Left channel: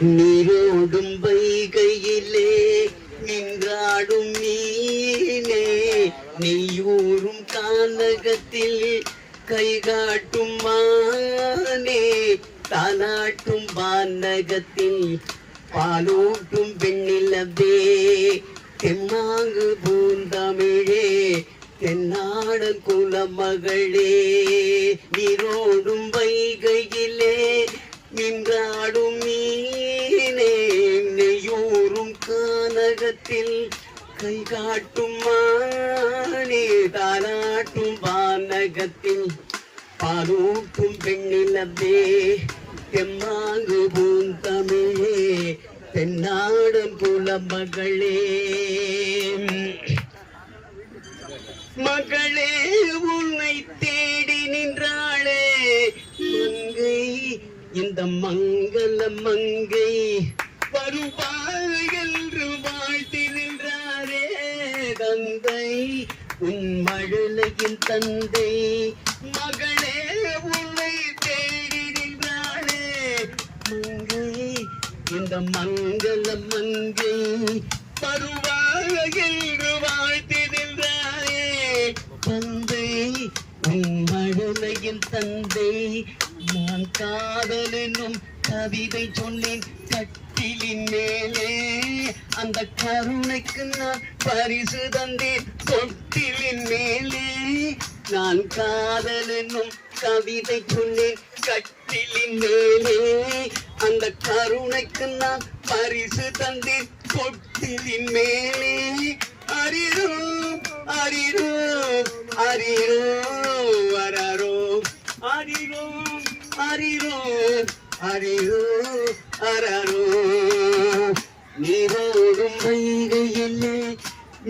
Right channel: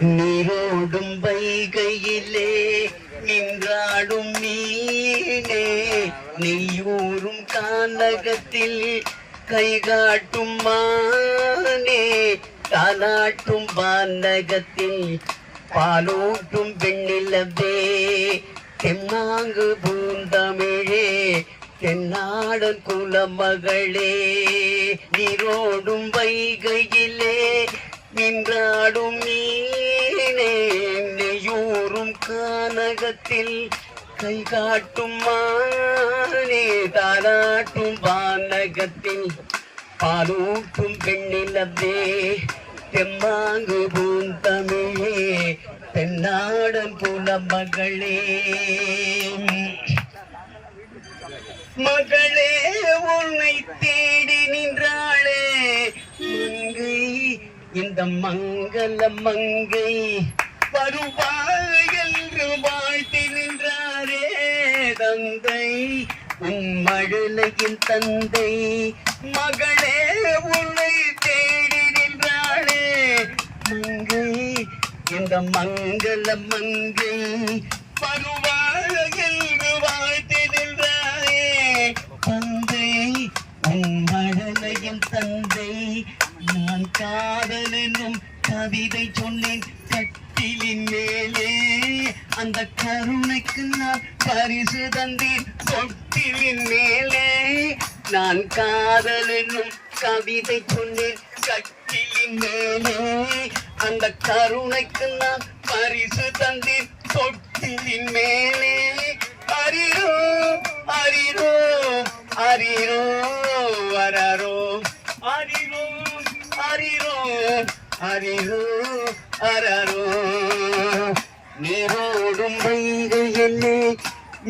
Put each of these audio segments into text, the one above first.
நீரோடும் வைகையிலே நின்றாடும் மீனே, நெய்யூரும் கானகத்தில் கைகாட்டும் மானே, தாலாட்டும் வானகத்தில் பாலூட்டும் பெண்ணிலவே, தென்னாங்கு பூந்தமிழே தென்னாடன் குலமகளே, நீரோடும் வைகையிலே நின்றாடும் மீனே, நெய்யூரும் கானகத்தில் கை காட்டும் மானே, தாலாட்டும் வானகத்தில் பாலூட்டும் பெண்ணிலவே, தெம்மாங்கு பூந்தமிழே தென்னாடன் குலமகளே. மகளே உன்னை தேடி நின்றாளே மங்கை, இந்த மங்கள மங்கை வருவாள் என்று வாழ்த்தி நின்றாரே தந்தை, உன் மழலையின் தந்தை. மகளே உன்னை தேடி நின்றாளே மங்கை, இந்த மங்கள மங்கை வருவாள் என்று வாழ்த்தி நின்றாரே தந்தை, உன் மழலையின் தந்தை. நான் காதல் என்னும் கவிதை சொன்னேன் கட்டிலின் மேலே, அந்த கருணைக்கு நான் பரிசு தந்தேன் தொட்டிலின் மேலே. நான் காதல் என்னும் கவிதை சொன்னேன் கட்டிலின் மேலே, அந்த கருணைக்கு நான் பரிசு தந்தேன் தொட்டிலின் மேலே. அரிரோ அரிரோ அரிரோ அரரோ, அரிரோ அரிரோ அரிரோ அரரோ. நீரோடும் வைகையிலே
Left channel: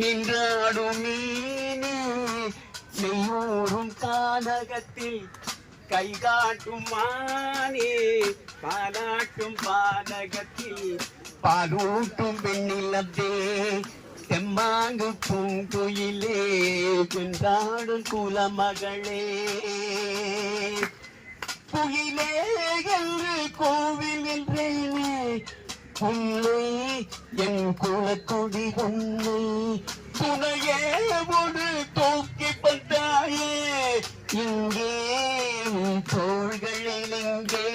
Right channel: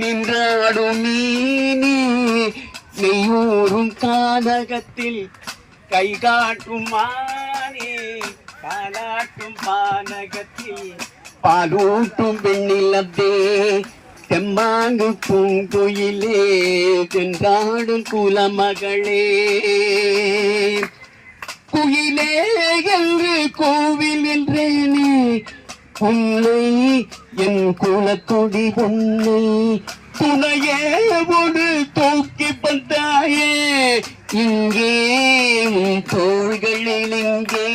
நின்றாடும் மீனே, நெய்யூரும் கானகத்தில் கை காட்டும் மானே, பாலாட்டும் பானகத்தில் பாலூட்டும் பெண்ணிலவே, தெம்மாங்கு பூங்குயிலே தென்றாடும் குலமகளே. குயிலே என்று கோவில் என்றேனே உன்னை, என் குலத்தொடி உன்னை துணையே ஒரு தூக்கி வந்தாயே இங்கே, உன் தோள்களில் இங்கே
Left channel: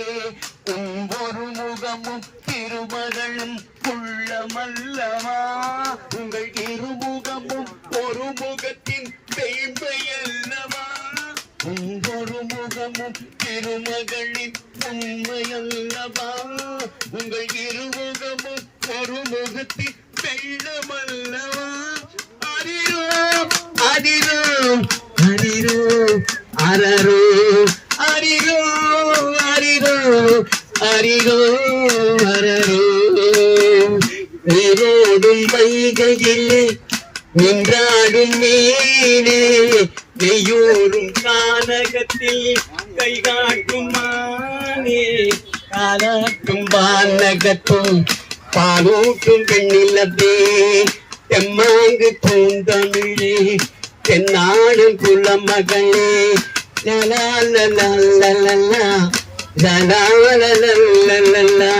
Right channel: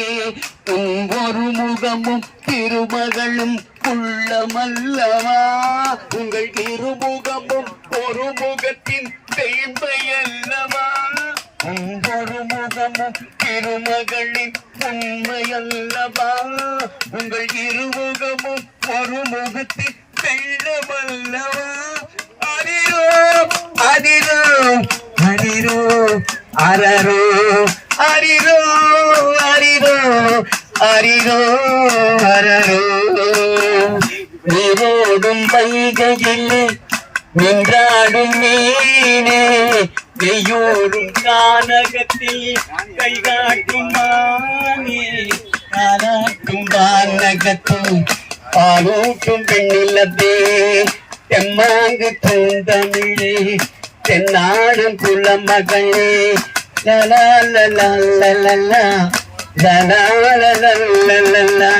உன் ஒரு முகமும் திருமகளும் உள்ளமல்லவா, உங்கள் இருமுகமும் ஒரு முகத்தின் பெயர்மையல்லவா, ஒரு முகமும் திருமகளின் உண்மையல்லவா, உங்கள் இருமுகமும் ஒரு முகத்தின் வெள்ளமல்லவா. அரிரோ அரிரோ அரிரோ அரரோ, அரிரோ அரிரோ அரிரோ அரரோ. நீரோடும் வைகையிலே நின்றாடும் மீனே, நெய்யூரும் கானகத்தில் கை காட்டும் மானே, தாலாட்டும் வானகத்தில் பாலூட்டும் பெண்ணிலவே, தெம்மாங்கு பூந்தமிழே தென்னாடும் குலமகளே. லலா லலா லலா லலா லலா லலா.